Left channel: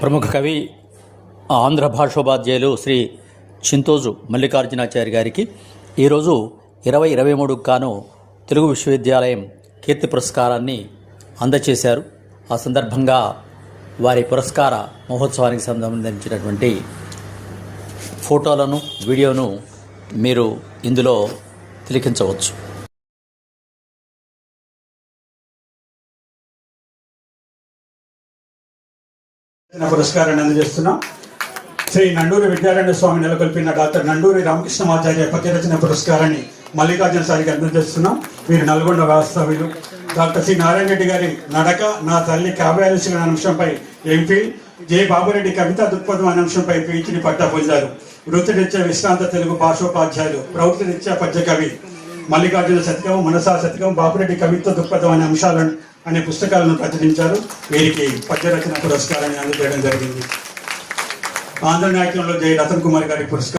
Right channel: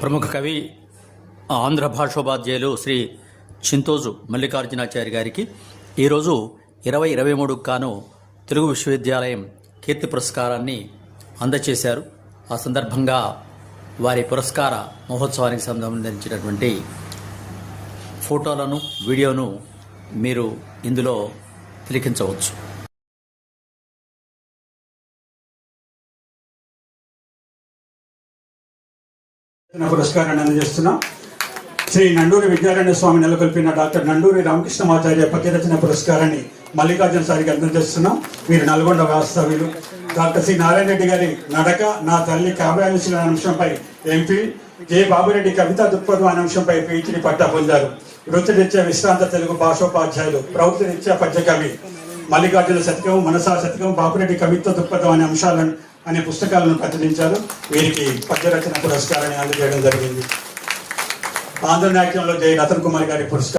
ప్రముఖ కవి ఆంధ్ర భాషోపాధ్యాయులు శ్రీ చింతోజు మల్లికార్జునాచారి గారికి ఈరోజు 2023 గాను తెలుగు విశ్వవిద్యాలయం కీర్తి పురస్కారాన్ని అందజేశారు. ఆ సందర్భంగా వారి పురస్కార మహోత్సవానికి సంబంధించినటువంటి ఫోటోలను వీడియోను మీరు ఇందులో తిలకించవచ్చు. పురస్కారాన్ని అందజేస్తున్నాం. శ్రీ నండూరి విద్యారణ్య స్వామి నెలకొల్పిన డాక్టర్ నండూరి రామకృష్ణమాచార్య పద్యరచన పురస్కారాన్ని మల్లికార్జున సారికి అందజేస్తున్నాం. వీరు నల్గొండ వాస్తవ్యులు. డాక్టర్ సి నారాయణ రెడ్డి గారి నడక నా తల్లి కావ్యాలుషుల అంశంపై ఎంపీ, జె బాబురెడ్డి కవితా దృక్పథం అనే అంశంపై పీహెచ్డీ పట్టా పొందారు. వృత్తిరీత్యా విశ్రాంత తెలుగు భాషోపాధ్యాయులు, ప్రవృత్తిరీత్యా పద్య కవి. మల్లికార్జున శతకం, మనసా శతకం, బాబురెడ్డి కవిత్వ దృక్పథం అనే అంశాలను అనే పుస్తకాలను ప్రచురించారు. వీరికి పద్యరచన పురస్కారాన్ని అందజేయడం జరిగింది. ఆంధ్ర నాట్యంలో జై రతన్ కుమార్ గారి పురస్కారం.